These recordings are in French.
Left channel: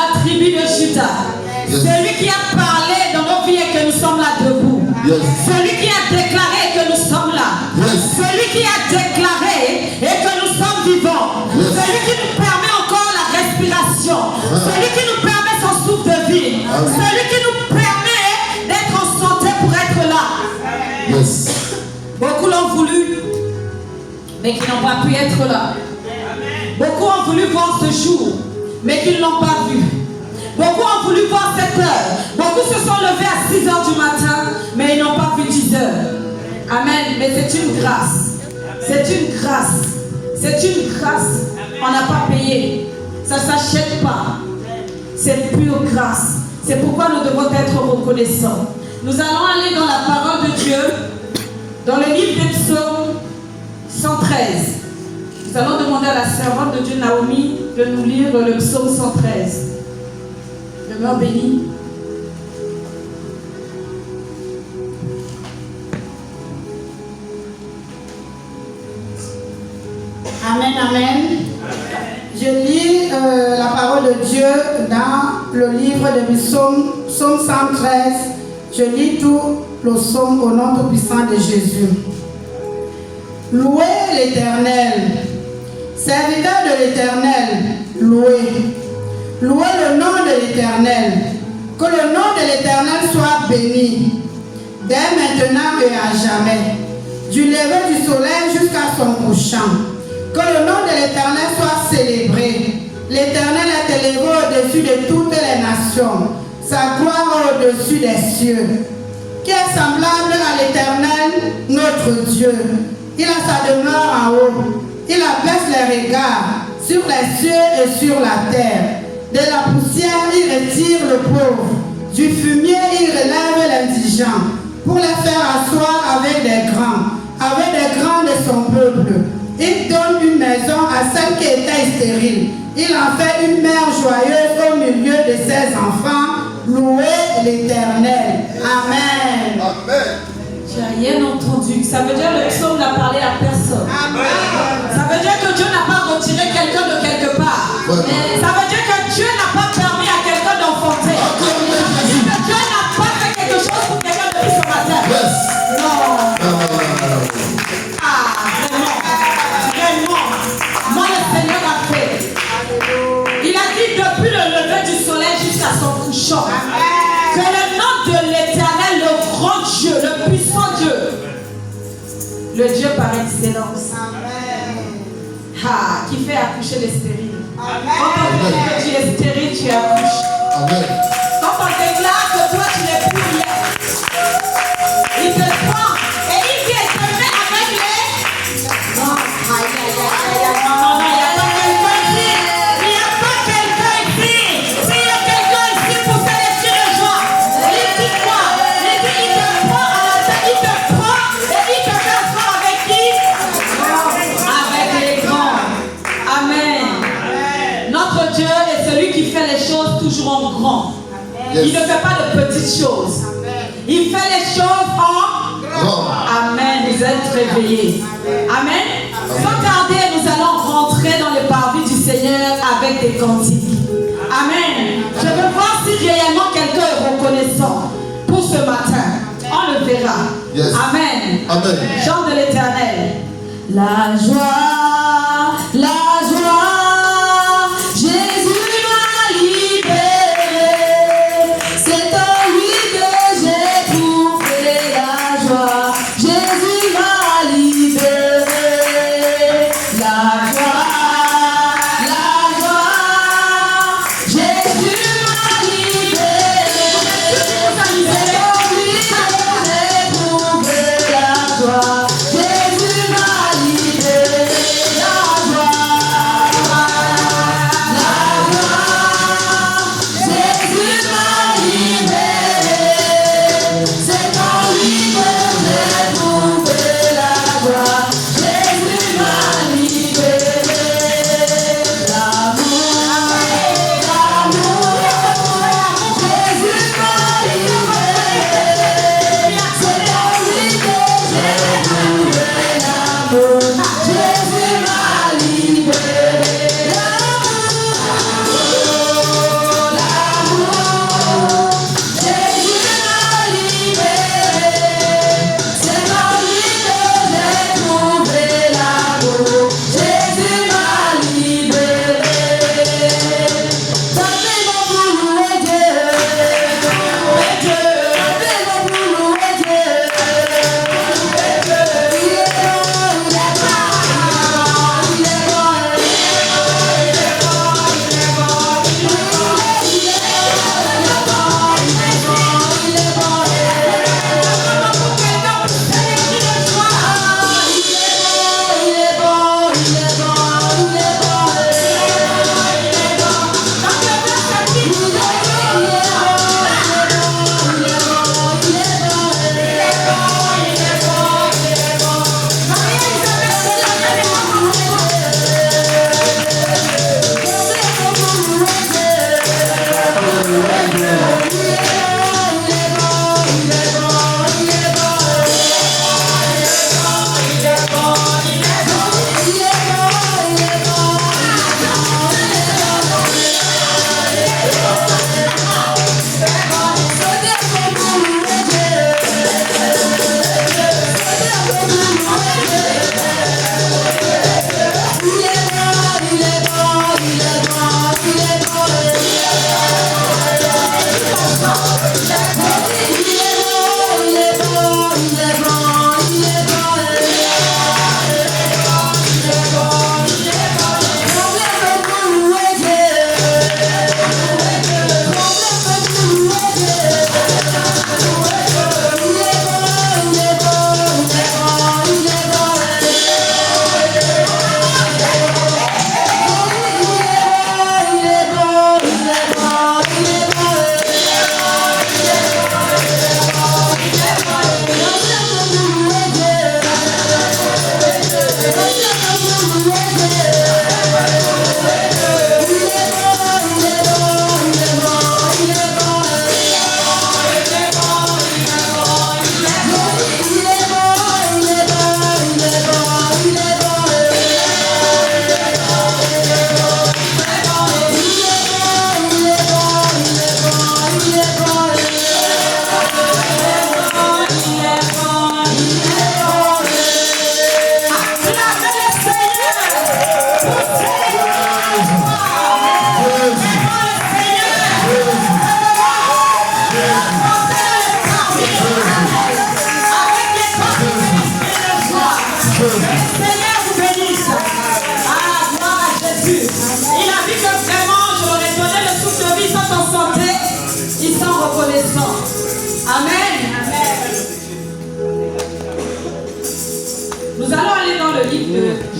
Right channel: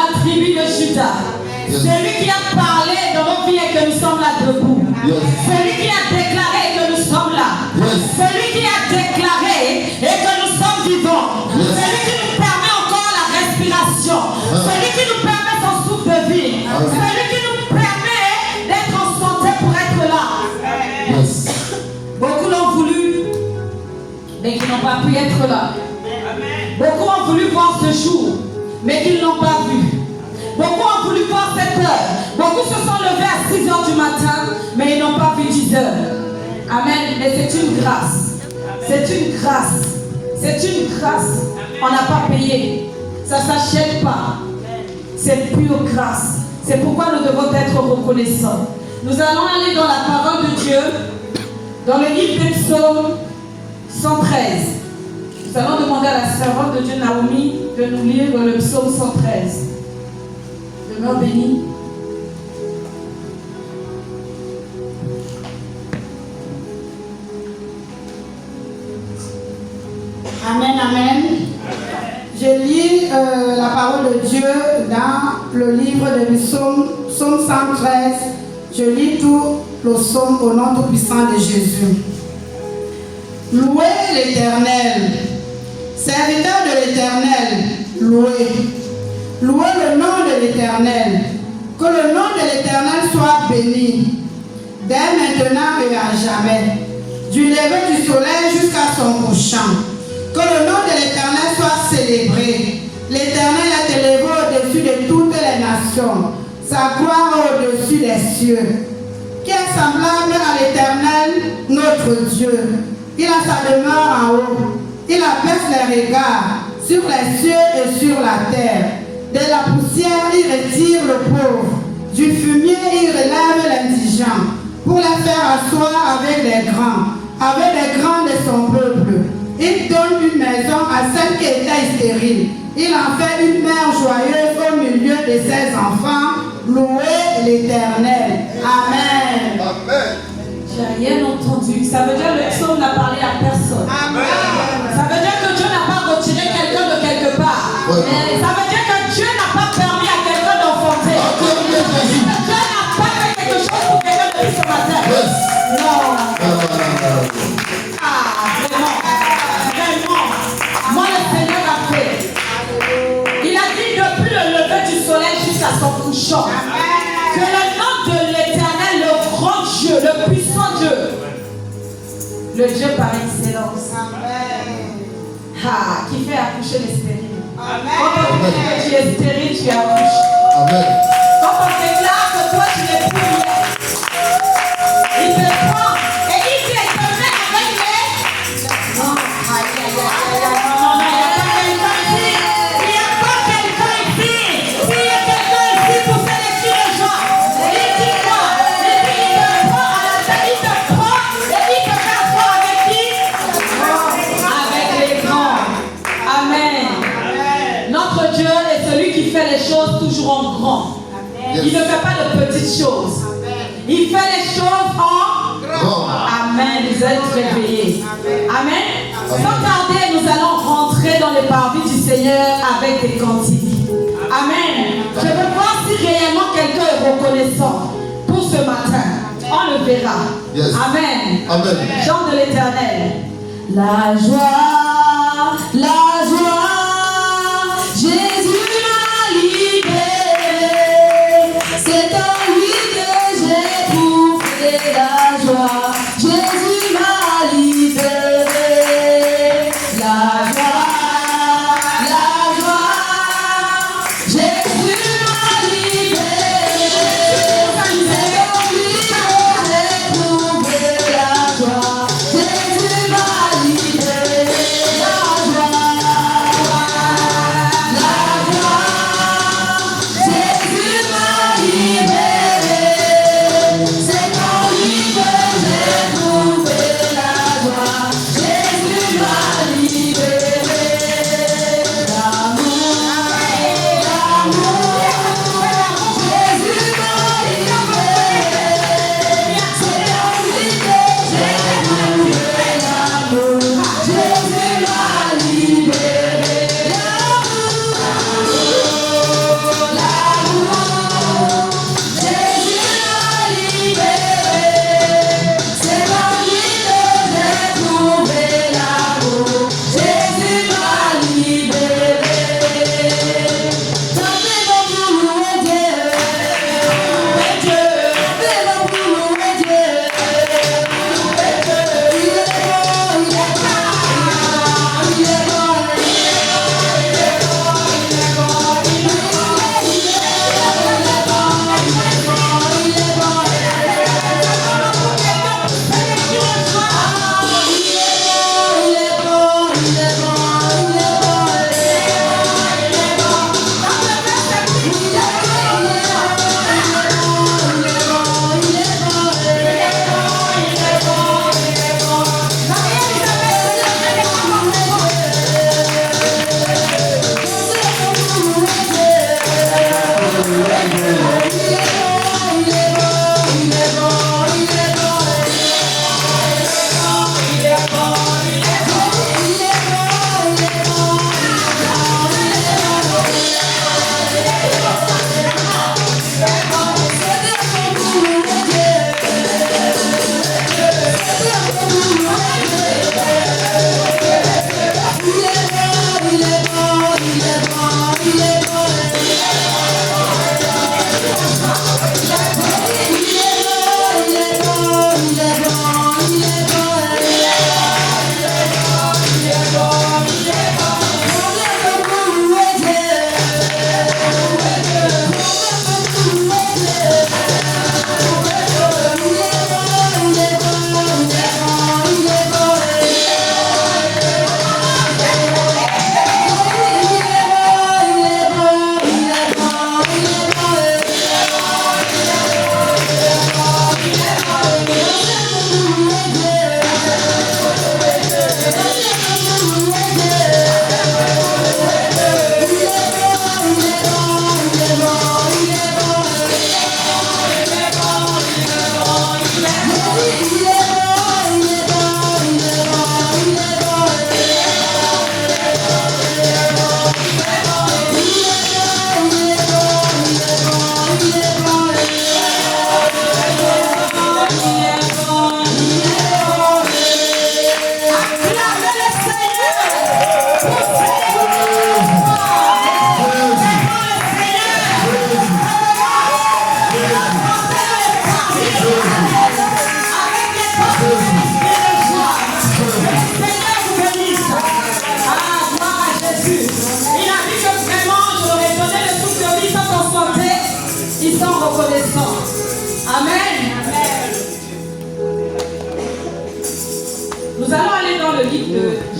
la tribu de Juda. Celui qui a parlé dans nos vies et que nous sommes là debout. Celui qui a déclaré que nous sommes là. Celui qui a déclaré et que nous sommes vivants. Celui qui nous permet encore la respiration. Celui qui nous permet son souffle de vie. Celui qui nous permet d'être en santé pour être là. Beaucoup l'ont voulu, mais qui n'ont pas pu être là. Beaucoup ont voulu voir ce jour, mais qu'ils n'ont pas vu. Beaucoup ont voulu voir cette heure. Beaucoup se sont levés à 6 h du matin, mais ils n'ont pas vu 10 h. Amen. Mais c'est une grâce. C'est une grâce. C'est une grâce. On n'a pas payé. Ça ne s'achète pas. C'est pure grâce. C'est pourquoi nous devons être reconnaissants. Nous allons aller dans la parole de Dieu, dans le livre des psaumes 113. Nous allons demander à la servante de Dieu, Naomi, de nous lire le psaume 113. Demeure béni. Amen, amen. Je lis la parole de Dieu dans le livre des psaumes, psaume 113. Je lis tout le psaume au nom tout-puissant de Jésus. Louez l'Éternel. Serviteur de l'Éternel, louez. Louez le nom de l'Éternel. Que le nom de l'Éternel soit béni, dès maintenant et à jamais, du lever du soleil jusqu'à son couchant. Que le nom de l'Éternel soit célébré. L'Éternel est élevé au-dessus de toutes les nations, sa gloire au-dessus des cieux. Qui est semblable à l'Éternel, notre Dieu? Il a sa demeure en haut. Il abaisse les regards sur les cieux et sur la terre. De la poussière, il retire le pauvre. Du fumier, il relève l'indigent pour les faire asseoir avec des grands de son peuple. Il donne une maison à celle qui était stérile. Il en fait une mère joyeuse au milieu de ses enfants. Louez l'Éternel. Amen. Amen. J'ai rien entendu. Ça veut dire que le psaume n'a parlé à personne. Amen. Ça veut dire que Dieu n'a pas retiré quelqu'un de quelque part. Ça veut dire que Dieu n'a pas permis à quelqu'un d'enfanter. Dieu n'a pas fait quelque chose pour quelqu'un depuis ce matin. Non. Vraiment. Moi, le Seigneur a fait. Il a dit depuis le lever du soleil jusqu'à son couchant. Que le nom de l'Éternel, le grand Dieu, le puissant Dieu, le Dieu par excellence, qui fait accoucher les stériles. Quand on dit que tu es stérile, tu accouches. Quand on déclare que toi tu n'es plus rien, il te prend et il dit te met avec les. Non, non, il n'y a pas quelqu'un ici. Il n'y a pas quelqu'un ici. S'il y a quelqu'un ici pour célébrer le joie, il dit quoi? Il dit il te prend à la tête, il te prend et il te t'assoit avec qui? Avec les grands. Amen. Notre Dieu est celui qui fait les choses toujours en grand. Il ne fait pas de petites choses. Il fait les choses en grand. Amen. Vous êtes réveillés. Amen. Sans tarder, nous allons rentrer dans le parvis du Seigneur avec des cantiques. Amen. Je veux voir si réellement quelqu'un est reconnaissant pour ce matin. On le verra. Amen. Amen. Chant de l'Éternel. La joie, la joie. Jésus m'a libéré, c'est en lui que j'ai trouvé la joie. Jésus m'a libéré, la joie, Jésus m'a libéré, c'est en lui que j'ai trouvé la joie. Jésus m'a libéré.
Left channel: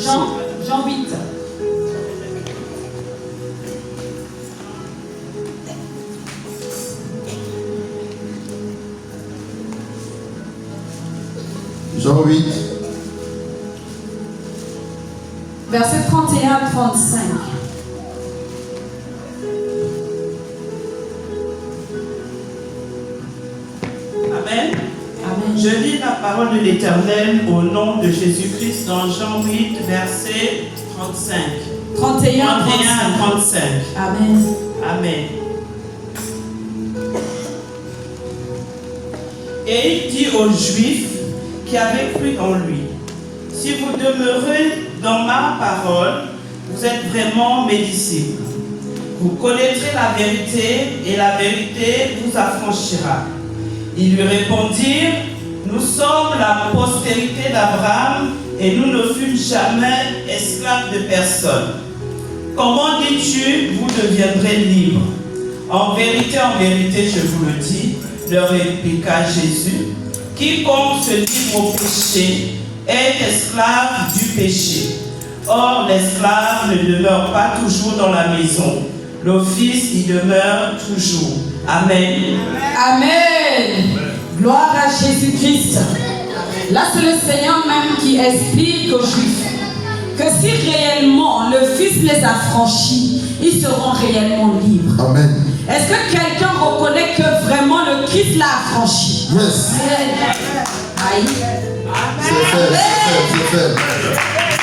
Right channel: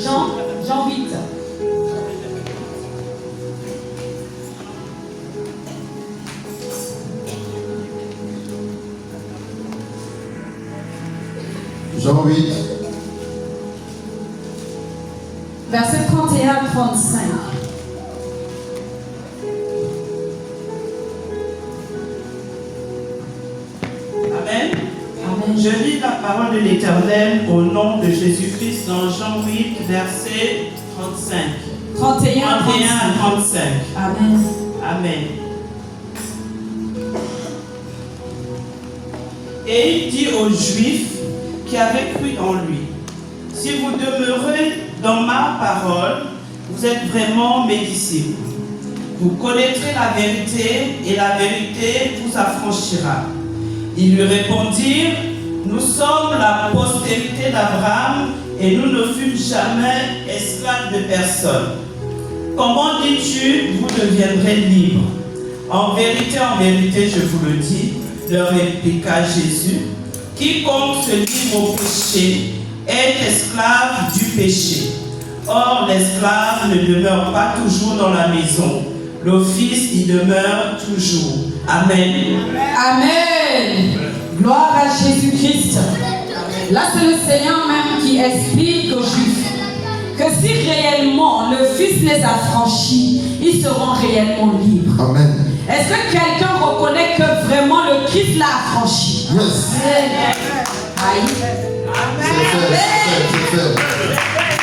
Jean 8. Jean 8. Verset 31 à 35. Amen. Je lis la parole de l'Éternel au nom de Jésus-Christ dans Jean 8, verset 35. 31 à 35. Amen. Amen. Et il dit aux Juifs qui avaient cru en lui, si vous demeurez dans ma parole, vous êtes vraiment mes disciples. Vous connaîtrez la vérité et la vérité vous affranchira. Ils lui répondirent, nous sommes la postérité d'Abraham et nous ne fûmes jamais esclaves de personne. Comment dis-tu, vous deviendrez libres? En vérité, je vous le dis, leur répliqua Jésus, quiconque se livre au péché est esclave du péché. Or, l'esclave ne demeure pas toujours dans la maison. Le Fils y demeure toujours. Amen. Amen. Gloire à Jésus-Christ. Là, c'est le Seigneur même qui explique aux Juifs que si réellement le Fils les affranchit, ils seront réellement libres. Amen. Est-ce que quelqu'un reconnaît que vraiment le Christ l'a affranchi? Yes. Aïe. C'est fait.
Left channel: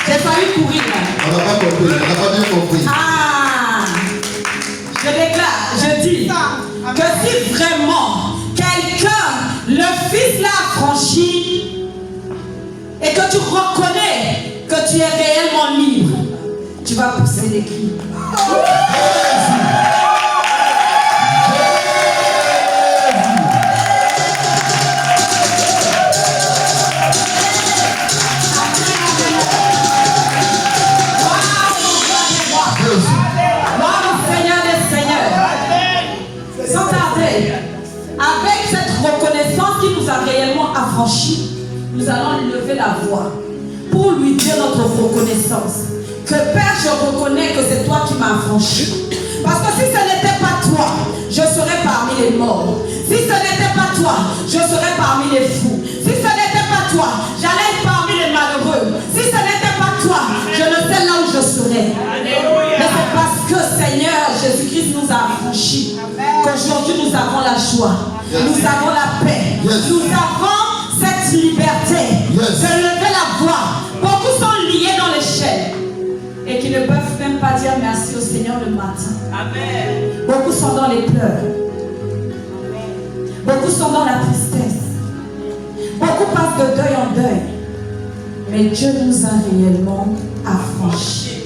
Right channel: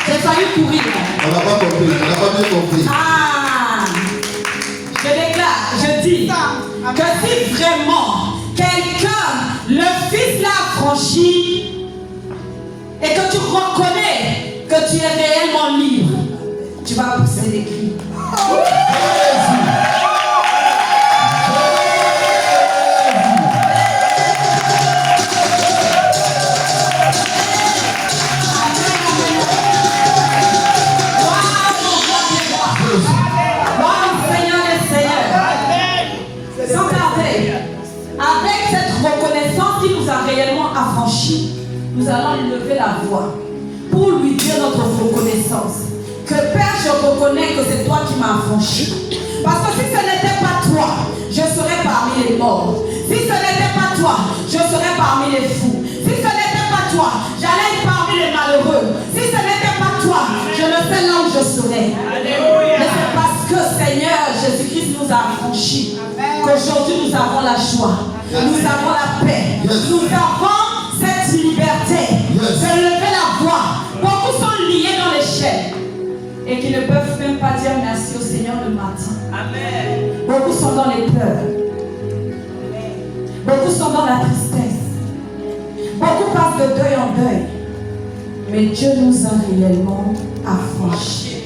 J'ai failli courir. On n'a pas compris, on n'a pas bien compris. Ah, je déclare, je dis que si vraiment quelqu'un, le Fils l'a affranchi et que tu reconnais que tu es réellement libre, tu vas pousser des cris. Nous allons lui lever la voix pour lui dire notre reconnaissance. Que Père, je reconnais que c'est toi qui m'as affranchi. Parce que si ce n'était pas toi, je serais parmi les morts. Si ce n'était pas toi, je serais parmi les fous. Si ce n'était pas toi, j'allais être parmi les malheureux. Si ce n'était pas toi, je ne sais là où je serais. Mais c'est parce que Seigneur Jésus-Christ nous a affranchis que Aujourd'hui, nous avons la joie. Nous avons la paix. Nous avons cette liberté de lever la voix. Beaucoup sont liés dans les chaînes et qui ne peuvent même pas dire merci au Seigneur le matin. Amen. Beaucoup sont dans les pleurs. Beaucoup sont dans la tristesse. Beaucoup passent de deuil en deuil. Mais Dieu nous a réellement affranchis.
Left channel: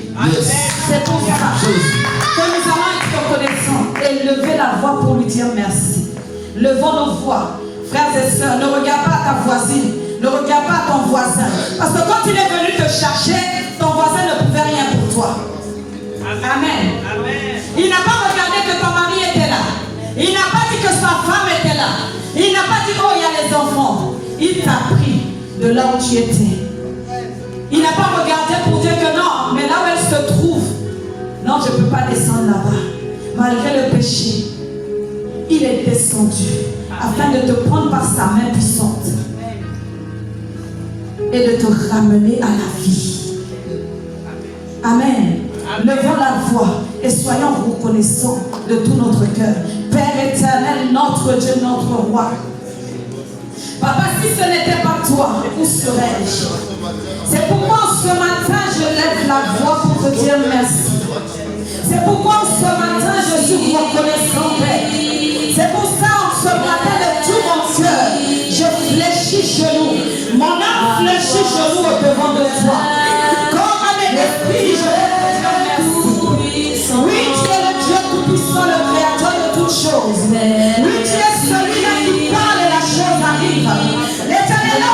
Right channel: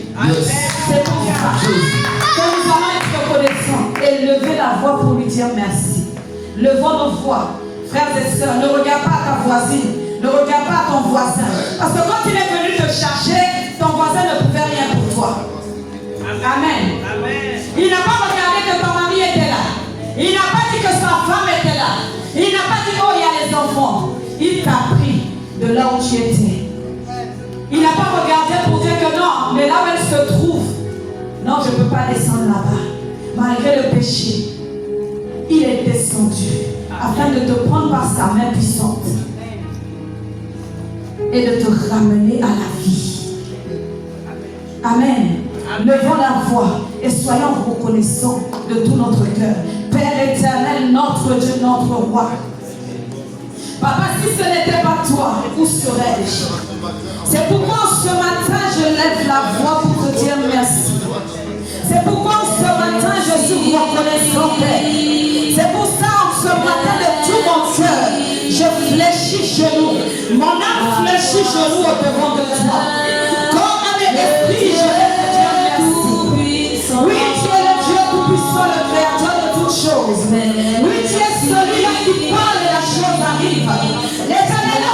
C'est pour ça que nous allons être reconnaissants et lever la voix pour lui dire merci. Levons nos voix, frères et sœurs. Ne regarde pas ta voisine, ne regarde pas ton voisin. Parce que quand il est venu te chercher, ton voisin ne pouvait rien pour toi. Amen. Il n'a pas regardé que ton mari était là. Il n'a pas dit que sa femme était là. Il n'a pas dit, oh, il y a les enfants. Il t'a pris de là où tu étais. Il n'a pas regardé pour dire que non, mais là où elle se trouve, non, je ne peux pas descendre là-bas. Malgré le péché, il est descendu afin de te prendre par sa main puissante et de te ramener à la vie. Amen. Levons la voix et soyons reconnaissants de tout notre cœur. Père éternel, notre Dieu, notre roi. Papa, si ce n'était pas toi, où serais-je? C'est pourquoi ce matin, je lève la voix pour te dire merci. C'est pourquoi ce matin, je suis reconnaissant, Père. C'est pour ça, ce matin, de tout mon cœur, je fléchis genoux. Mon âme fléchit genoux au devant de toi. Comme avec l'esprit, je vais te dire merci. Oui, tu es le Dieu tout-puissant, le créateur de toutes choses. Oui, tu es celui-là qui parle et la chose arrive. L'Éternel a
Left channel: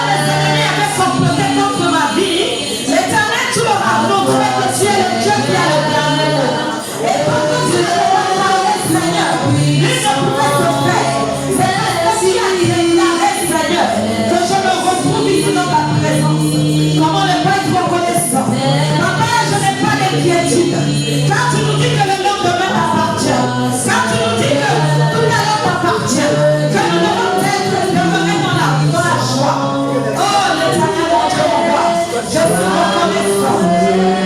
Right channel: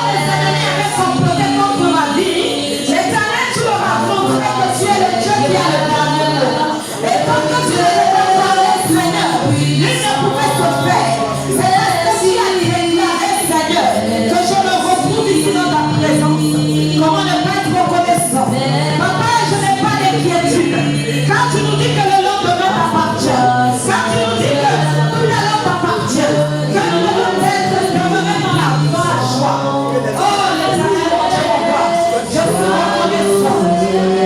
comploté contre ma vie. L'Éternel, tu leur as montré que tu es le Dieu qui a le dernier mot. Et quand tu ne peux pas parler, Seigneur, il ne pouvait se faire. C'est parce que tu as déclaré, Seigneur, que je me retrouve ici dans ta présence. Comment ne pas être reconnaissant? Papa, je n'ai pas d'inquiétude. Quand tu nous dis que le lendemain t'appartient, quand tu nous dis que tout l'heure t'appartient, que nous devons être devenus dans la joie. Oh, l'Éternel, mon Dieu, mon Père, je suis reconnaissant.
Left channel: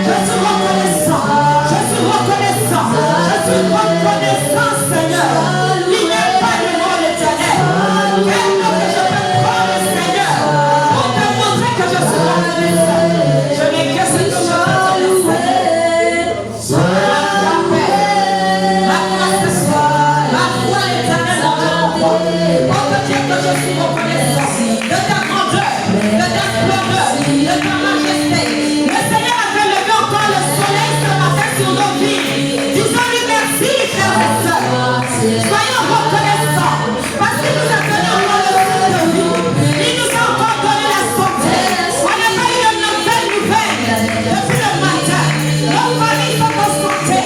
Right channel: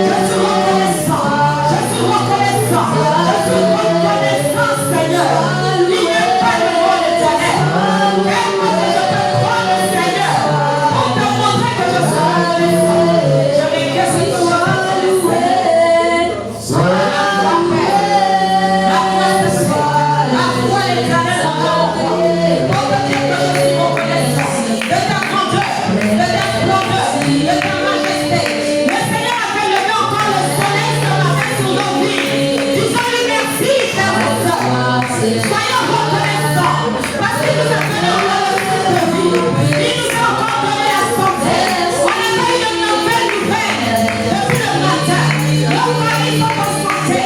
Je suis reconnaissant. Je suis reconnaissant. Je suis reconnaissant, Seigneur. Il n'y a pas de mot, l'Éternel. Comment je peux prendre, Seigneur, pour te montrer que je suis reconnaissant? Je n'ai que cette chose à te louer. La foi, Père. La foi, Seigneur. La foi, l'Éternel, mon Dieu, mon Père. Pour te dire que je suis reconnaissant de ta grandeur, de ta splendeur, de ta majesté. Le Seigneur a fait lever encore le soleil ce matin sur nos vies. Disons-lui merci, frères et sœurs. Soyons reconnaissants parce qu'il nous a donné encore le souffle de vie. Il nous a encore donné la santé. On n'a pas eu une nouvelle depuis le matin. Nos familles sont en santé.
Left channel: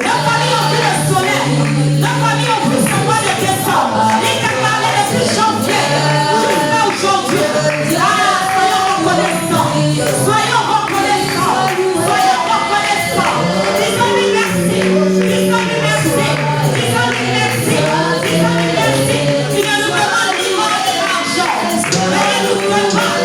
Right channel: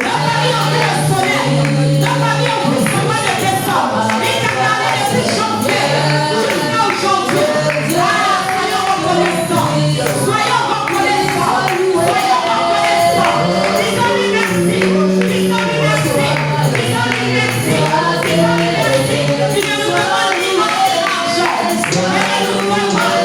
Nos familles ont vu le soleil. Nos familles ont vu son mois de décembre. Il t'a parlé depuis janvier jusqu'à aujourd'hui. Soyons reconnaissants. Soyons reconnaissants. Soyons reconnaissants. Disons-lui merci. Disons-lui merci. Disons-lui merci. Disons-lui merci. Tu ne nous demandes ni mort ni argent. Mais nous demandons encore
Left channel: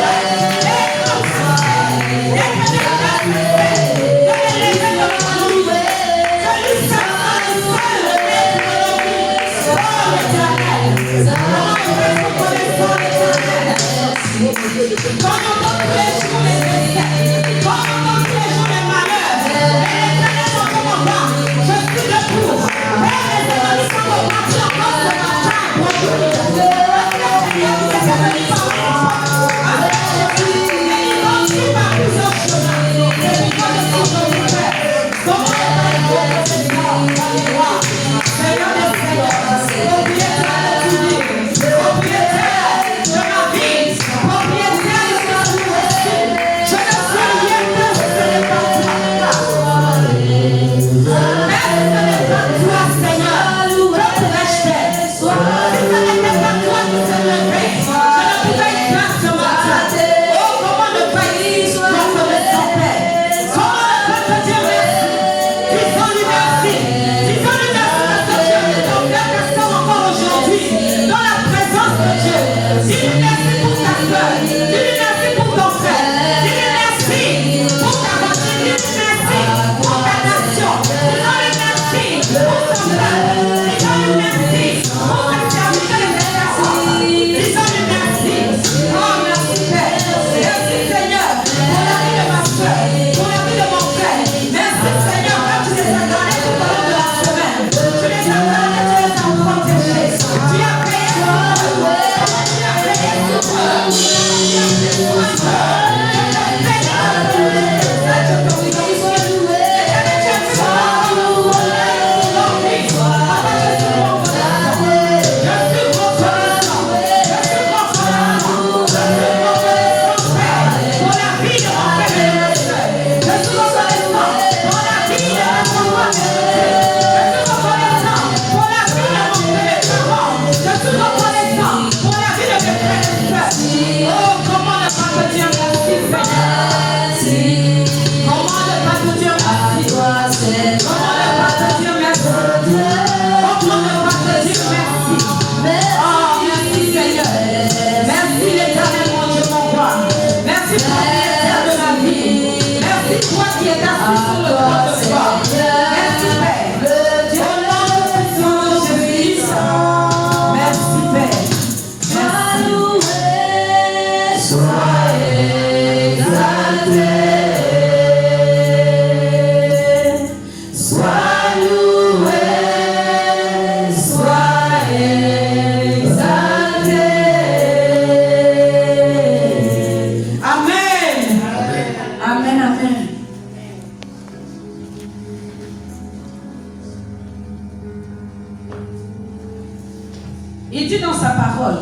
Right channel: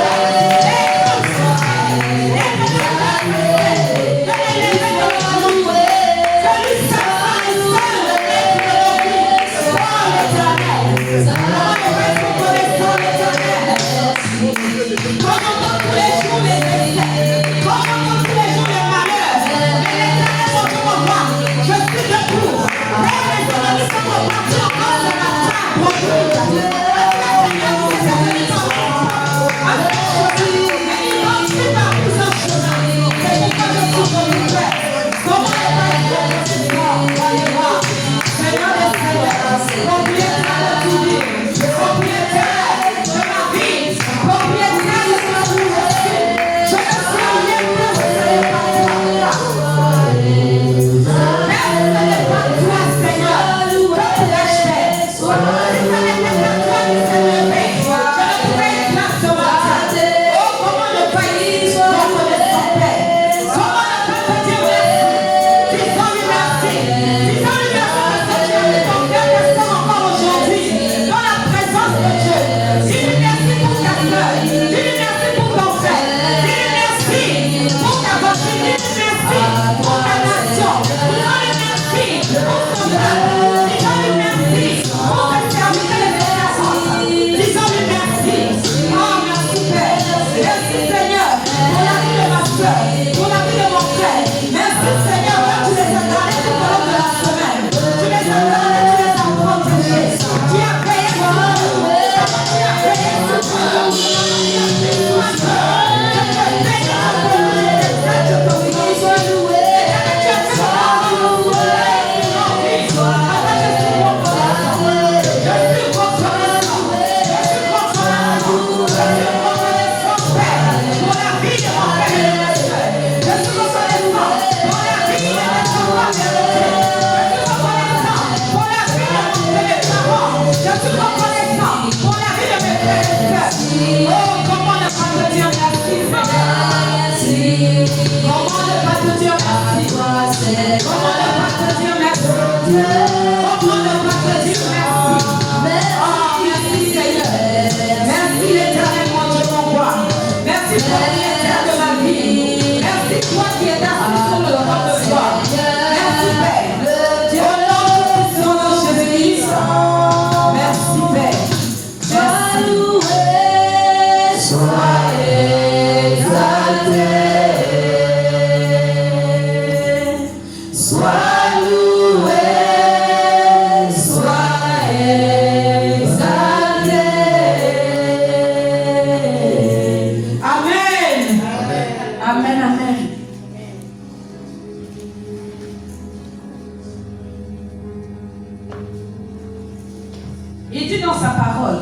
Il dit dans sa parole,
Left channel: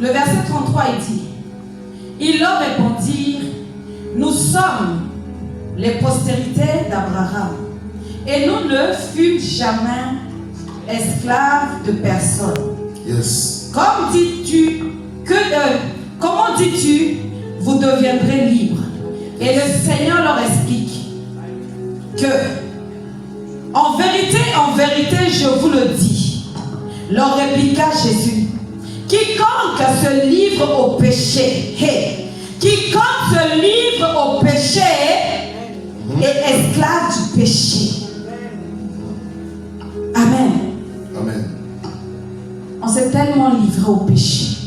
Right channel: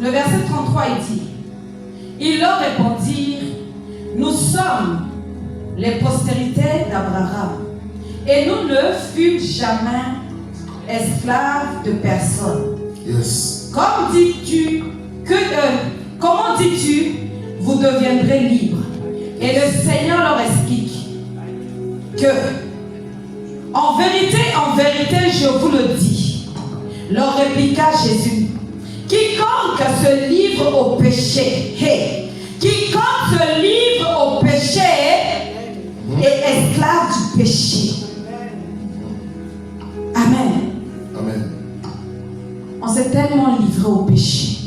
le verset 33, il dit, ils leur répondirent, nous sommes les postérités d'Abraham et nous ne fûmes jamais esclaves de personne. Yes. Comment dis-tu, vous deviendrez libres? Et le Seigneur leur explique que, en vérité, je vous le dis, leur répliqua Jésus, quiconque se livre au péché, quiconque se livre au péché est esclave du péché. Amen. Amen. On s'est tellement livré au péché.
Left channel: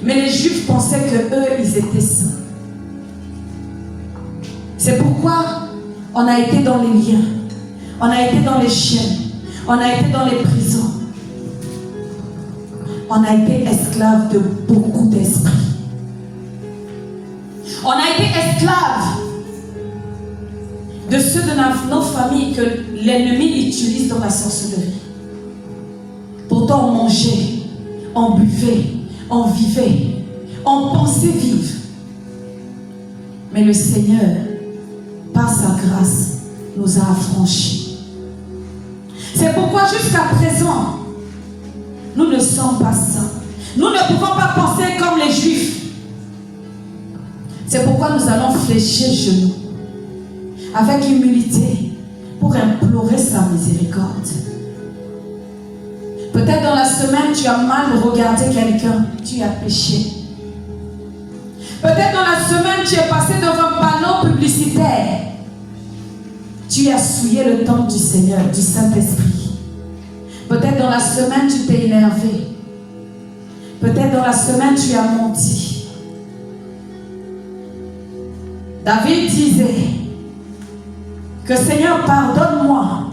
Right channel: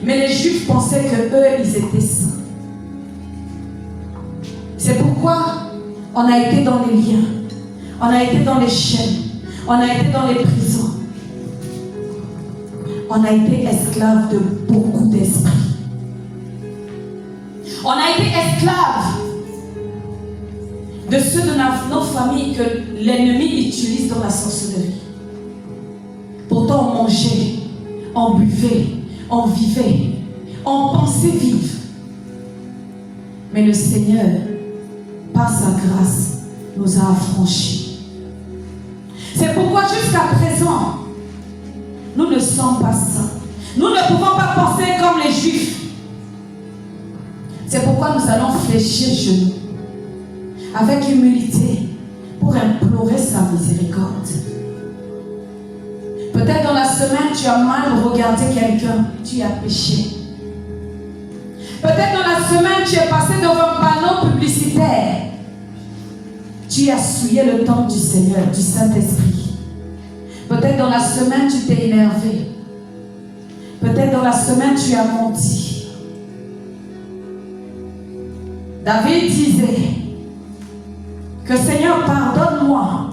Mais les Juifs pensaient que eux, ils étaient saints. C'est pourquoi on a été dans les liens, on a été dans les chaînes, on a été dans les prisons. On a été esclaves de beaucoup d'esprits. On a été esclaves de ceux de nos familles que l'ennemi utilise dans la sorcellerie. Pourtant, on mangeait, on buvait, on vivait, on pensait vivre. Mais le Seigneur, par sa grâce, nous a affranchis. C'est pourquoi jusqu'à présent, nous ne sommes pas saints. Nous ne pouvons pas penser comme les Juifs. C'est pourquoi nous allons fléchir genoux avec humilité pour implorer sa miséricorde. Peut-être dans la semaine, tu as mal regardé quelqu'un, tu as péché. Peut-être dans la semaine, tu es passé devant un panneau publicitaire. Tu as souillé le temple du Seigneur, du Saint-Esprit. Peut-être dans la semaine, tu t'es énervé. Peut-être dans la semaine, tu as menti. David disait que Seigneur, pardonne-moi,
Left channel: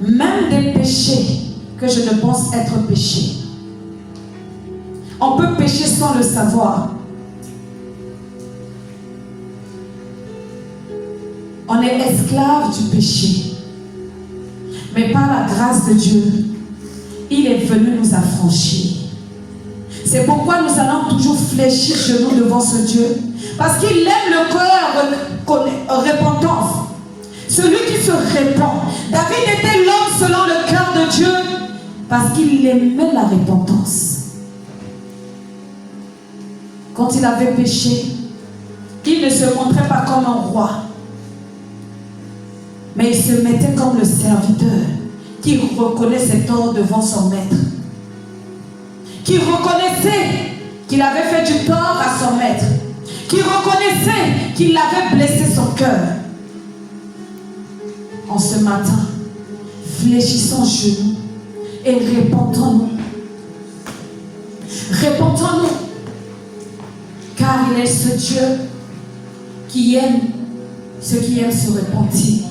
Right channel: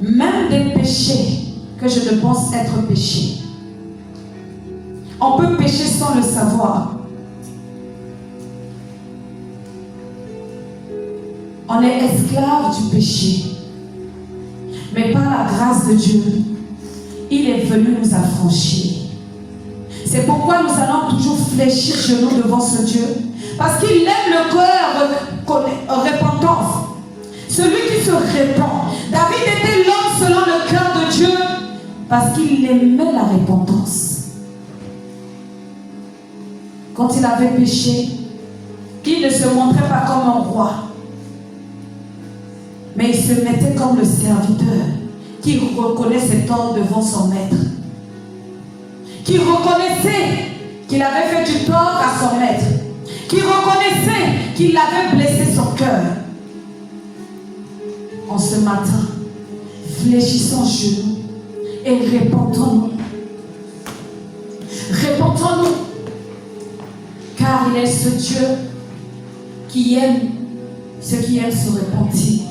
même des péchés que je ne pense être péchés. On peut pécher sans le savoir. On est esclave du péché. Mais par la grâce de Dieu, il est venu nous affranchir. C'est pourquoi nous allons toujours fléchir genoux devant ce Dieu. Parce qu'il aime le cœur repentant. Celui qui se répand. David était l'homme selon le cœur de Dieu. Parce qu'il aimait la repentance. Quand il avait péché, il ne se montrait pas comme un roi. Mais il se mettait comme le serviteur qui reconnaît ses torts devant son maître. Qui reconnaissait qu'il avait fait du tort à son maître. Qui reconnaissait qu'il avait blessé son cœur. En ce matin, fléchissons genoux et répentons-nous. Répentons-nous. Car il est ce Dieu qui aime ceux qui aiment se repentir.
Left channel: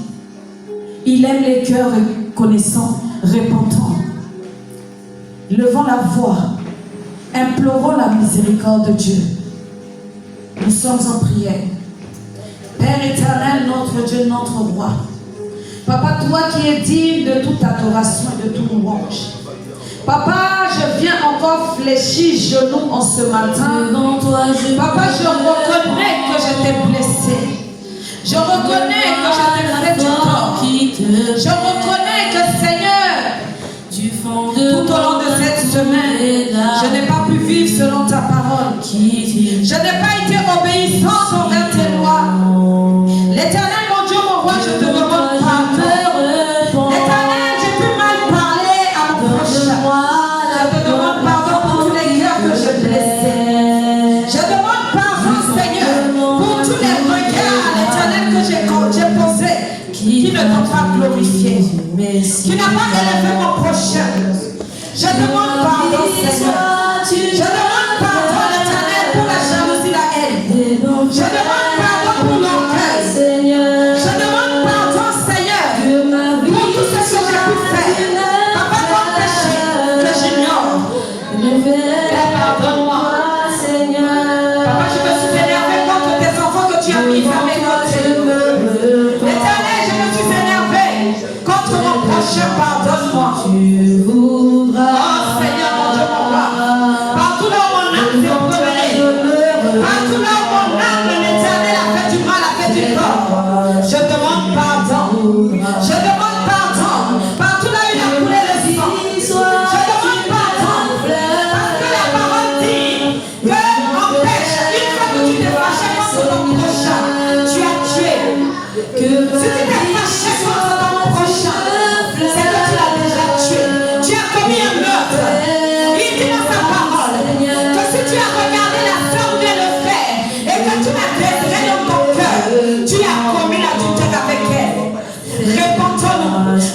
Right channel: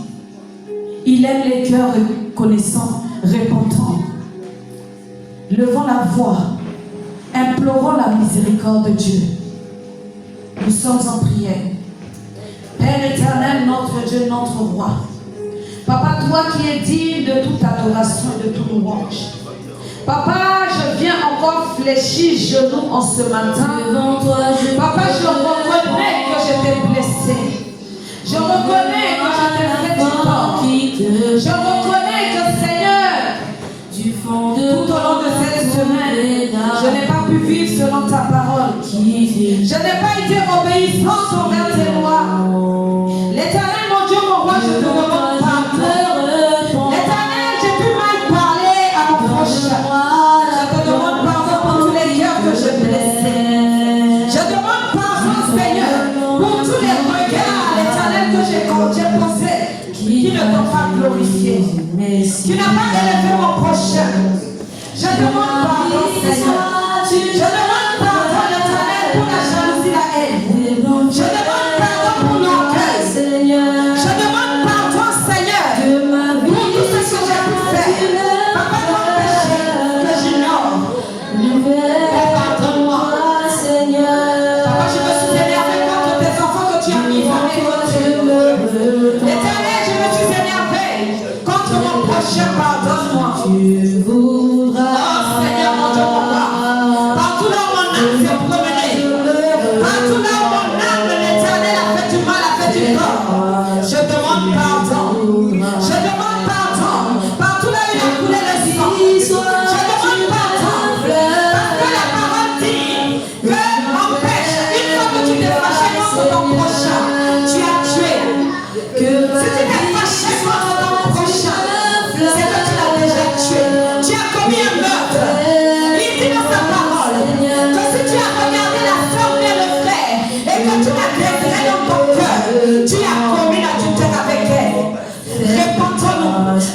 Il aime les cœurs reconnaissants, repentants. Levons la voix, implorons la miséricorde de Dieu. Nous sommes en prière. Père éternel, notre Dieu, notre roi. Papa, toi qui es digne de toute adoration et de tout louange. Papa, je viens encore fléchir genoux en ce matin. Papa, je reconnais que je t'ai blessé. Je reconnais que je t'ai fait du tort. Je reconnais que Seigneur, tout au long de cette semaine, je n'ai pas pu vivre selon ta parole. Je n'ai pas été obéissant envers tes lois. L'Éternel, mon Dieu, mon roi, je te demande pardon. L'Éternel, j'ai pu mal parler à mon prochain. Je te demande pardon pour tous les cœurs que j'ai blessés. Je demande pardon, Seigneur, pour tous les regards à l'Éternel que j'ai posés, qui ne t'ont pas glorifié, qui n'a pas élevé mon prochain. Je demande pardon, Seigneur. Je demande pardon, l'Éternel, pour la jalousie, la haine. Je demande pardon pour l'orgueil. Je demande pardon, Seigneur, pour tout ce que j'ai pu faire. Papa, mon péché que j'ignore. Père, pardonne-moi. Papa, je me suis énervé contre tes enfants que tu as mis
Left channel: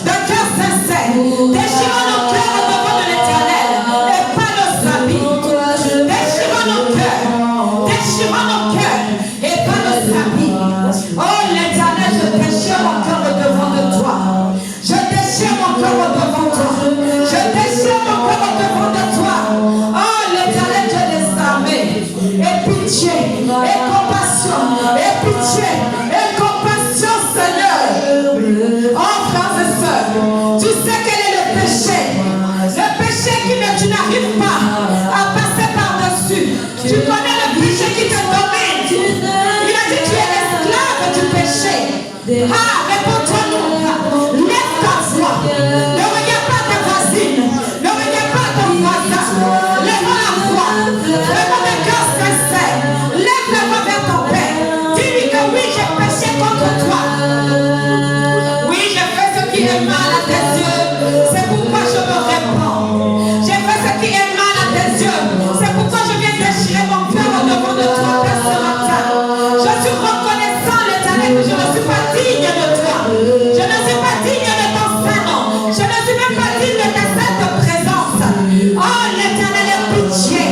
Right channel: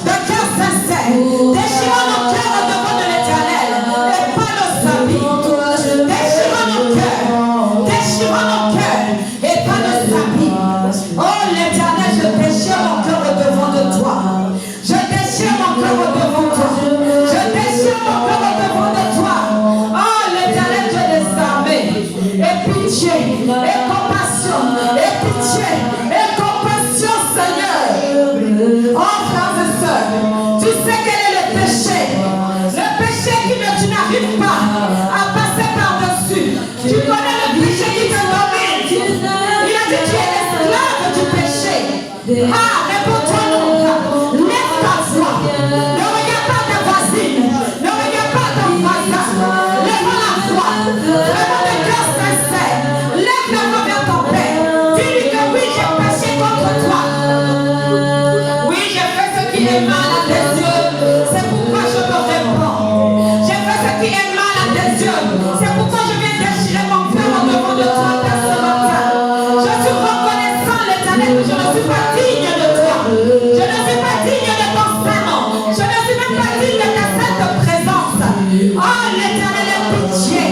d'un cœur sincère. Déchirons nos cœurs au devant de l'Éternel et pas nos habits. Déchirons nos cœurs et pas nos habits. Oh l'Éternel, je déchire mon cœur au devant de toi. Je déchire mon cœur au devant de toi. Je déchire mon cœur au devant de toi. Oh l'Éternel, Dieu des armées. Et pitié, et compassion, et pitié, et compassion, Seigneur. Oh frères et sœurs, tu sais quel est le péché. Le péché tu n'arrives pas à passer par-dessus. Tu connais le péché qui te domine. Il a dit tu es esclave du péché. Ah, réponds-toi-nous. Lève ta voix. Ne regarde pas ta voisine. Ne regarde pas ton voisin. Lève la voix. Lève le cœur sincère. Lève la voix vers ton Père. Dis-lui que oui, j'ai péché contre toi. Oui, j'ai fait ce qui est mal à tes yeux. C'est pourquoi je me réponds. J'ai fait ce qui est mal à tes yeux. C'est pourquoi je viens déchirer mon cœur au devant de toi ce matin. Je suis reconnaissant, l'Éternel, que je ne suis pas digne de toi. Je ne suis pas digne de ton Saint-Nom. Je ne suis même pas digne de ta sainte présence. Oh, l'Éternel est pitié.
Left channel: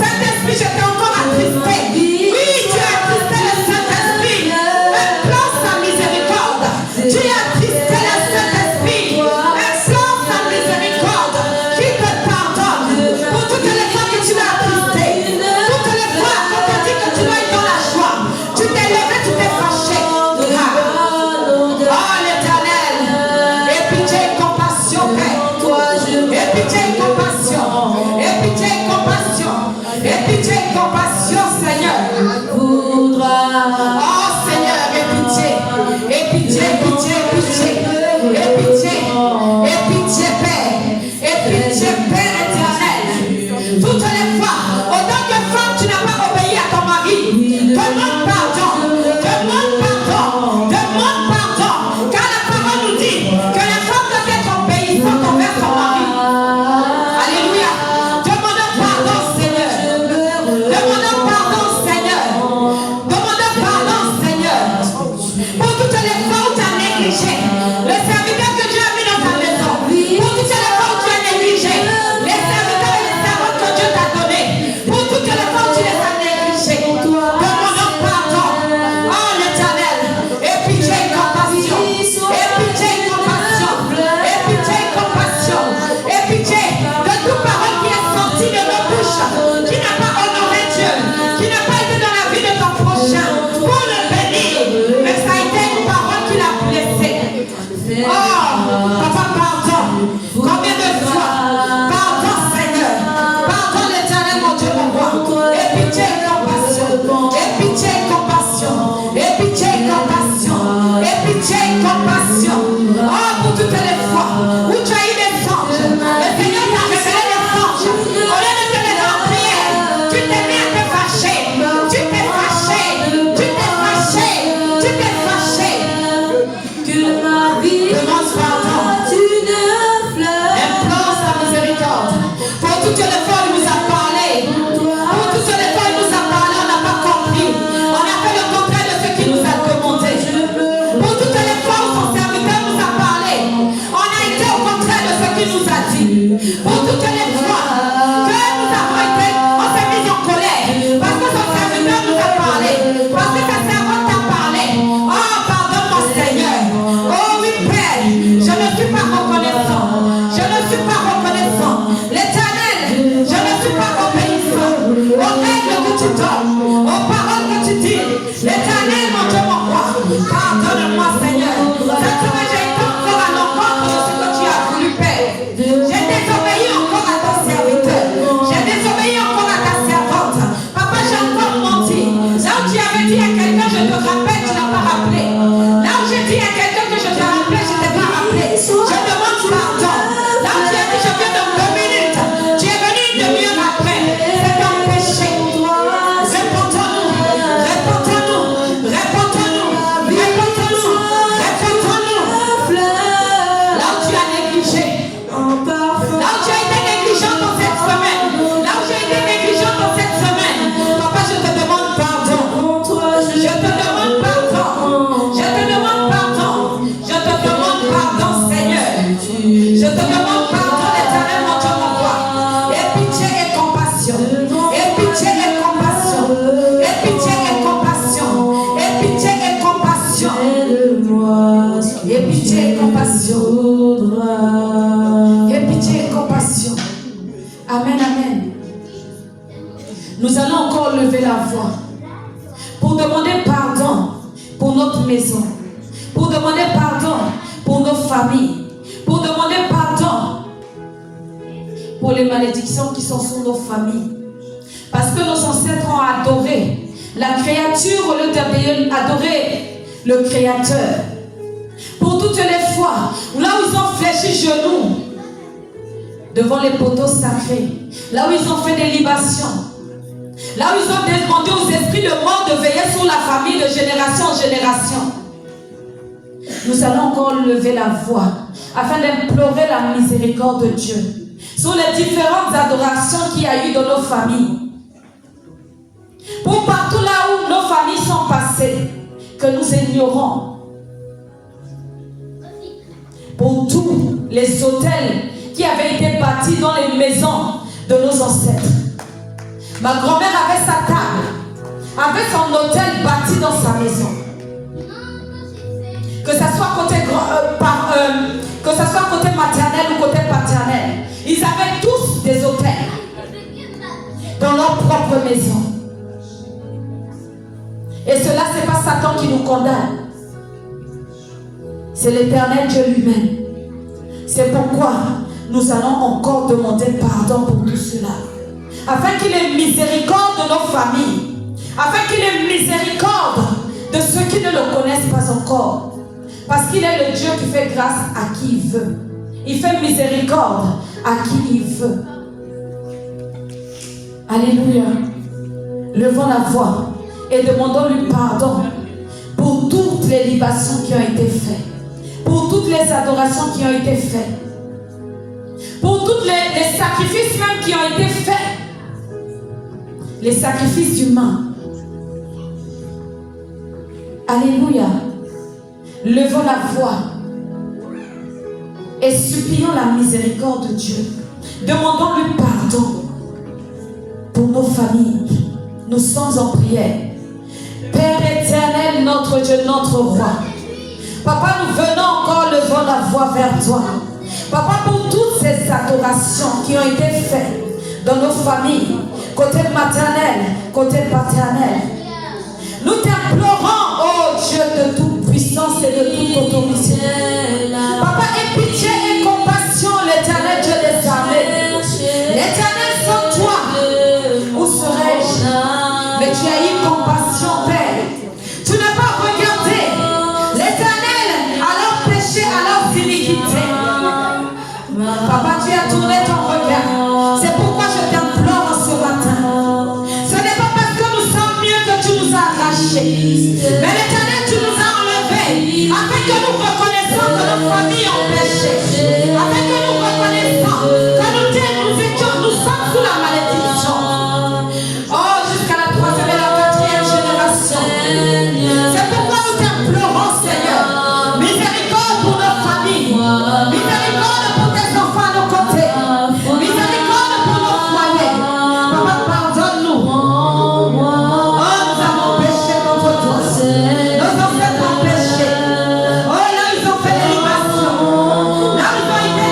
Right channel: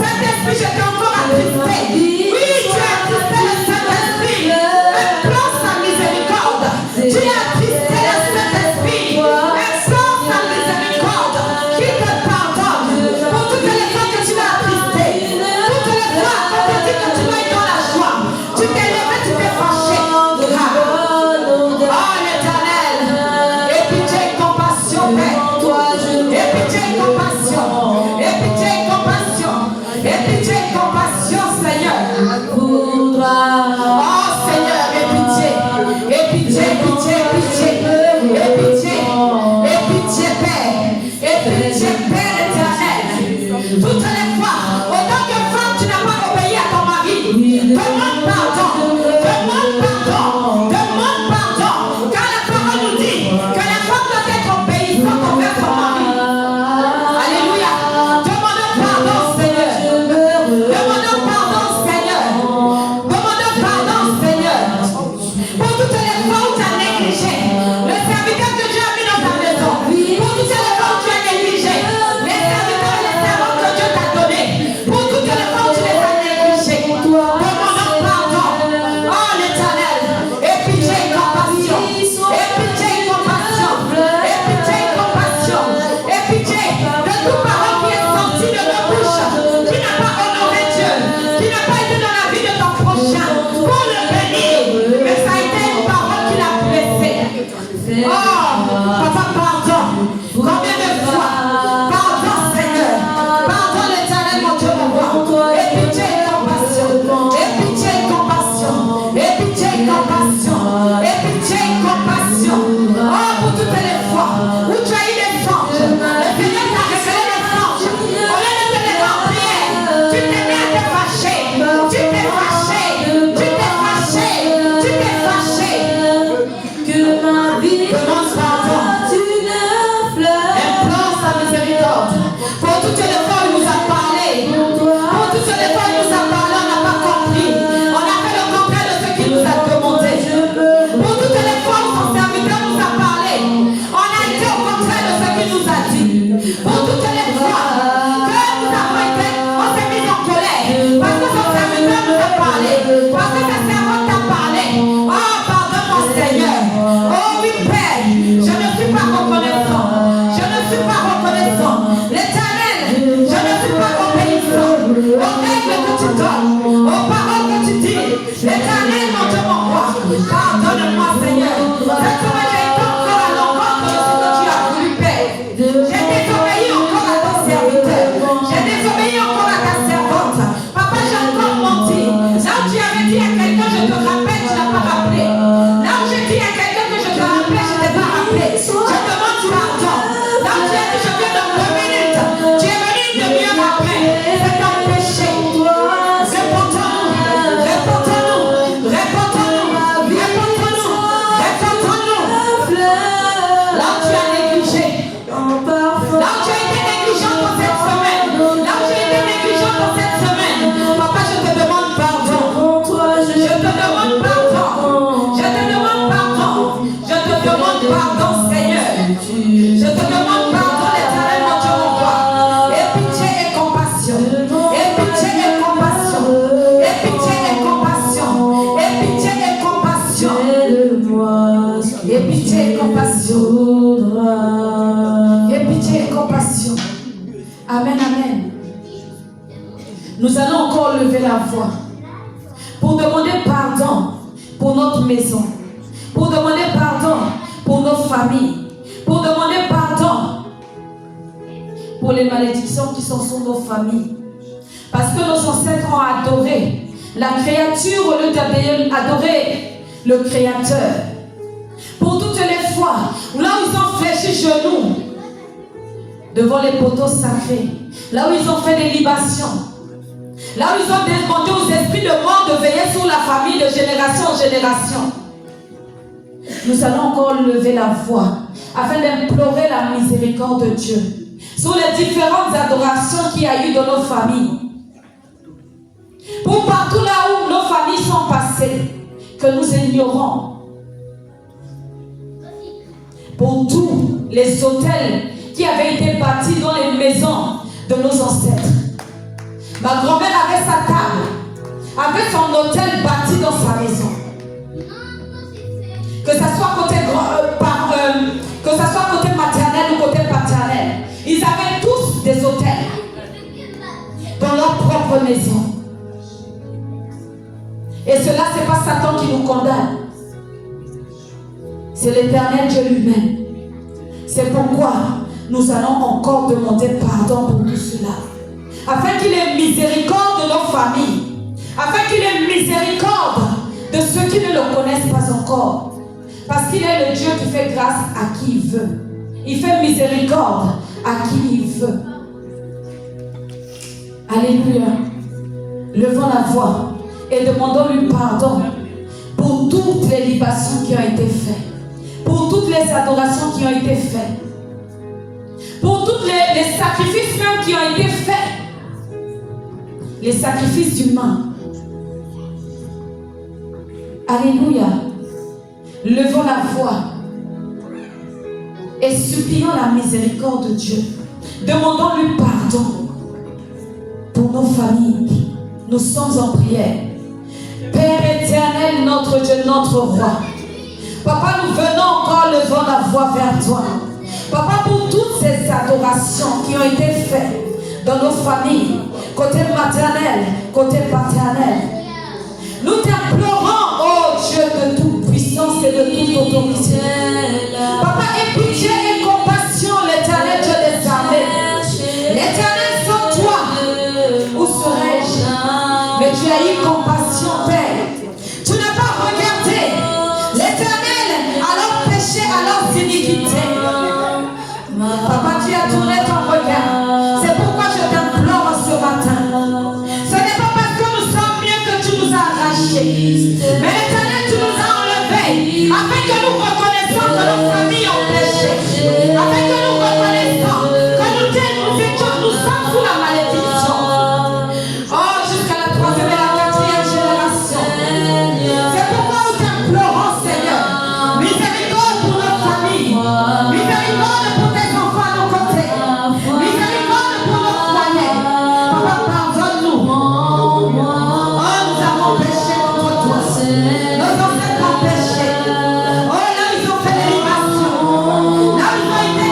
Saint-Esprit, je t'ai encore attristé. Oui, tu as attristé le Saint-Esprit. Implore sa miséricorde. Tu as attristé le Saint-Esprit. Implore sa miséricorde. Qui te pardonne pour toutes les fois que tu l'as attristé. Toutes les fois qu'on te dit que tu dois être dans la joie. Tu t'es levé, tu t'es fâché. Oh l'Éternel, et pitié et compassion, Père. Et pitié et compassion. Et pitié et compassion. Et pitié et compassion, Seigneur. Oh Seigneur, et pitié. Et pitié, pitié, pitié. Et pitié. Et pitié, Père. Et pitié, Père éternel. Toutes les fois, autant que femme, tu n'as pas obéi à ton mari. Demande pardon. Demande pardon. Demande pardon. Car la parole nous dit que la femme doit être obéissante envers son mari. Alléluia. Demandons pardon, Seigneur. Demandons pardon, Seigneur. Demandons pardon, Seigneur. Pour toutes les fois où tu as négligé le serviteur que Dieu a mis dans ta maison. Pour toutes les fois où tu as négligé les serviteurs et les servantes que Dieu t'a donnés. Pour toutes les fois où tu les as négligés. Demandons pardon. Oh l'Éternel. Et pitié et compassion. Et pitié et compassion. Et pitié et compassion. Et pitié de toute parole qui est sortie de nos bouches. Qui n'a pas honoré Dieu. Qui n'a pas été dans la vie de ton prochain. Pour le bénir. Mais ça a été une parole qui l'a blessé. Oh, papa, pardon. Combien de fois? Pardon, Seigneur. Pardon, l'Éternel, mon Dieu, mon roi. Et pitié et compassion. Et pitié et compassion. Et pitié et compassion. Et pitié et compassion. Oh, pour toutes les fois où tu as eu des anges. Le Seigneur t'a révélé des anges. Au lieu de te les remplir, tu t'es mis à te fâcher. Tu t'es fâché. Tu t'es fâché. Tu t'es fâché. Demande pardon. Implore sa miséricorde. Pour toutes les fois où il nous a parlé. Pour toutes les fois où il nous a parlé, on n'a pas compris. On a fait le contraire de ce qu'il nous a demandé. Pour toutes les fois où son serviteur nous a parlé, on a été au contraire de ce qu'il nous a dit. Pour toutes les fois que nous avons été, on s'est mis en colère. Parce que son serviteur nous a parlé. Parce que sa servante t'a parlé. Oh, pardonne mon Seigneur. Oh oui, Père, je ne suis pas reconnaissant. Je ne suis pas reconnaissant. L'Éternel, je ne suis pas obéissant aux règles que tu donnes, aux paroles que tu dis. L'Éternel, mon Dieu, mon roi, pardonne-moi, Seigneur. Cette fois, j'ai été encore à l'encontre de ce que tu as voulu, Père. J'ai désobéi encore à ton serviteur. J'ai désobéi encore à ta servante. Papa, j'ai encore menti. Là où tu avais dit à quelqu'un, je te rappelle, tu n'as pas rappelé. Là où j'ai dit à quelqu'un que je te rappelais, je ne t'ai pas rappelé. Je demande pardon. Là où tu as dit, je viens dans 2 minutes. Tu es venu une demi-heure après. C'est un péché. Réponds-nous. Réponds-nous. Réponds-nous. Réponds-nous. Réponds-nous. Là où tu as négligé. Là où tu as été négligent dans cette semaine. Là où j'ai été négligent dans cette semaine. Papa, je te demande pardon. Je te demande pardon. Je te demande Aie pitié et compassion. Aie pitié et compassion. Amen, amen. Nous allons encore lever la voix pour demander pardon pour notre maison, pour demander pardon pour nos familles, pour demander pardon pour les malédictions qui sont sur nos familles. Parce que nos ancêtres ont adoré la créature au lieu d'adorer le Créateur. Pour toutes les fois là où ils ont fléchi genoux devant les poteaux sacrés, là où ils ont fait des libations, là où ils ont demandé aux esprits de mort de veiller sur la famille de génération en génération, nous allons encore lever la voix afin d'implorer la miséricorde de Dieu sur les différentes adorations qu'il y a eu dans nos familles. Pour partout là où nos familles sont passées, que nous ignorons. Pour tous les hôtels qui avaient été bâtis dans les maisons de nos ancêtres. Ma grand-mère avait sa table, avait son hôtel bâti dans sa maison. Que ça soit côté maternel ou côté paternel, ils avaient tous des hôtels dans leur propre maison. Et cela, c'est pas Satan qui nous condamne. C'est l'Éternel Dieu lui-même. C'est pourquoi nous allons encore demander pardon pour tout cela. Afin qu'il ait miséricorde de nos familles. Afin qu'il ait miséricorde de ceux qui ne le connaissent pas encore. Parce qu'il est le Dieu qui fait grâce à qui il veut. Il fait miséricorde à qui il veut. Alléluia. Levons la voix et demandons-lui pardon pour toutes les libations qui ont été faites. Pour toutes les adorations qui ont été faites. Pour tous les sacrifices même qui ont été faits. Les sacrifices humains. Alléluia. Levons la voix et supplions la miséricorde de Dieu. Demandons-lui pardon pour nos familles. Nous sommes en prière. Père éternel, notre Dieu, notre roi. Papa, nous venons encore levant la voix vers toi. Papa, pour toutes ces adorations qui ont été faites dans nos familles, côté maternel, côté paternel, nous t'implorons, oh Dieu de toute puissance et de toute autorité. Papa, aie pitié et compassion, l'Éternel Dieu des armées. L'Éternel sans toi, où serais-je? Mais tu as eu compassion, Père. Tu n'as pas regardé l'Éternel à leurs péchés, à leurs iniquités. Papa, tu as tourné ton regard. C'est pourquoi je t'implore ce matin. Ce n'est pas parce que nous sommes mieux que tu nous as arrachés. Mais l'Éternel, tu nous as enlevés. Afin que nous reconnaissions que nos familles ont péché. Afin que nous reconnaissions que nous sommes sous la malédiction. Oh, jusqu'à la 3e et la 4e génération. C'est pourquoi nous t'implorons, Seigneur. Miséricorde pour nos familles. Miséricorde pour tes enfants de côté. Miséricorde pour nos foyers. Papa, pardonne-nous. Oh, nous avons péché contre toi. Nos ancêtres ont péché. Oh, là, ils ont fait des libations. Là, ils ont été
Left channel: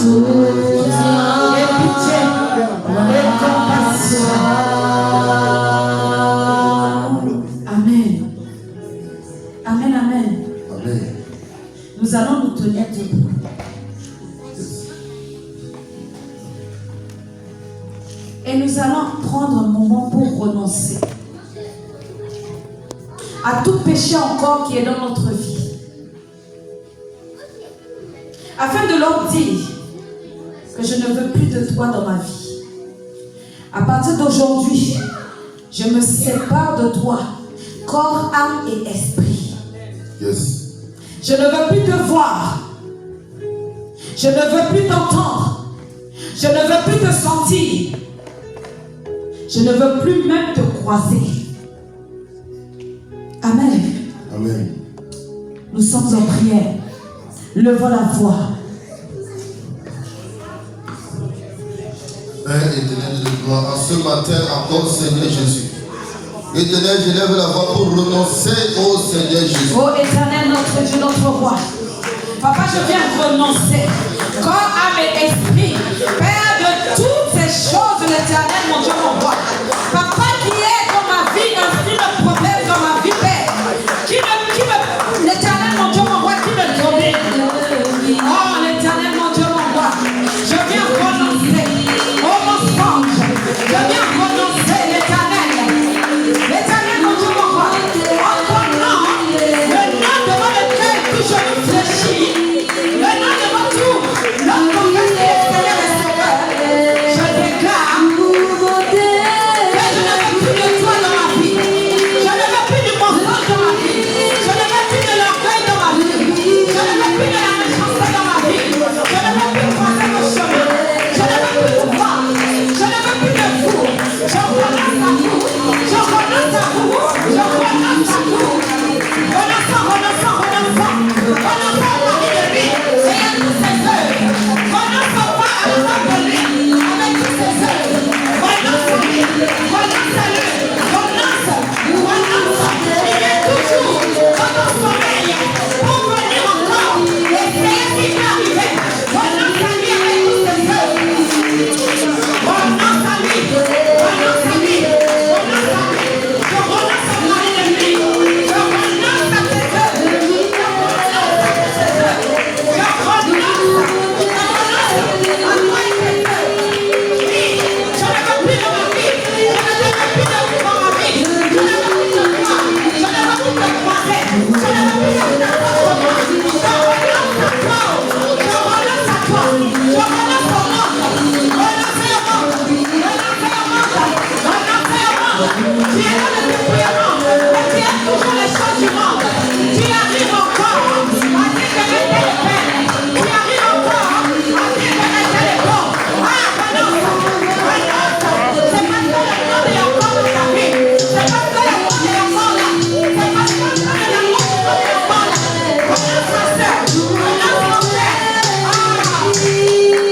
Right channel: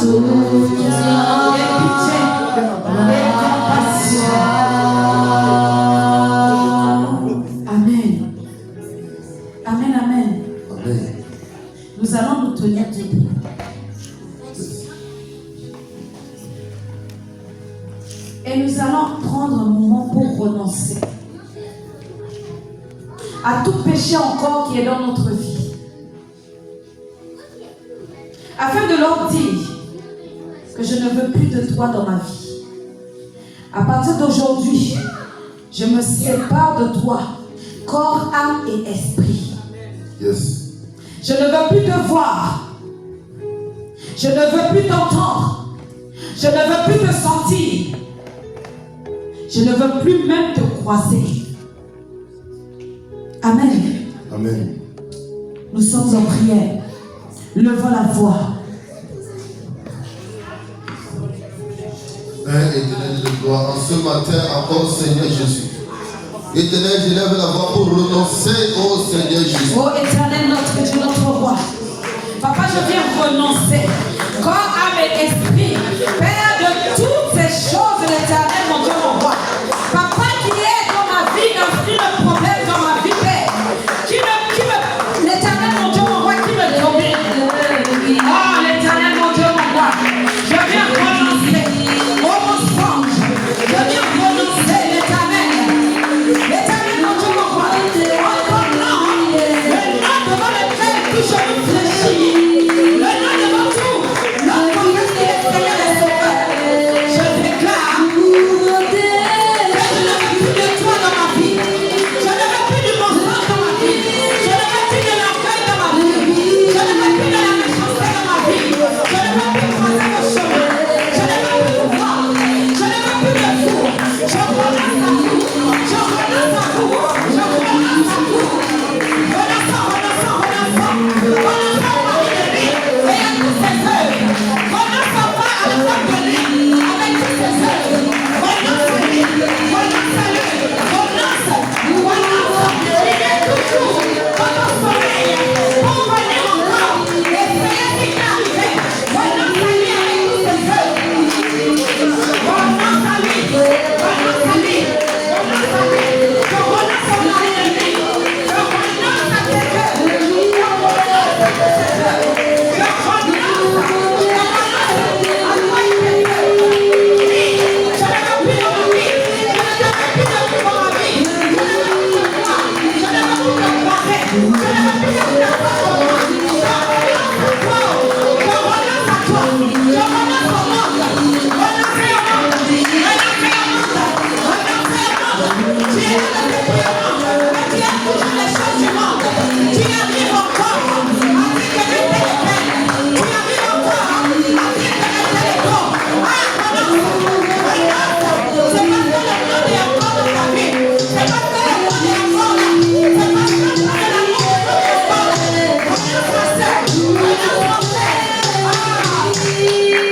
Amen. Amen, amen. Amen. Nous allons nous tenir debout. Et nous allons prendre un moment pour renoncer à tout péché encore qui est dans notre vie. Afin de leur dire que je ne veux plus de toi dans ma vie. À partir d'aujourd'hui, je me sépare de toi, corps, âme et esprit. Yes. Je ne veux plus te voir. Je ne veux plus t'entendre. Je ne veux plus te sentir. Je ne veux plus même te croiser. Amen. Amen. Nous sommes en prière. Levons la voix. Père éternel de gloire, en ce matin encore, Seigneur Jésus. Éternel, je lève la voix pour renoncer au Seigneur Jésus. Ô éternel, notre Dieu, notre roi. Papa, je viens renoncer. Corps, âme et esprit. Père,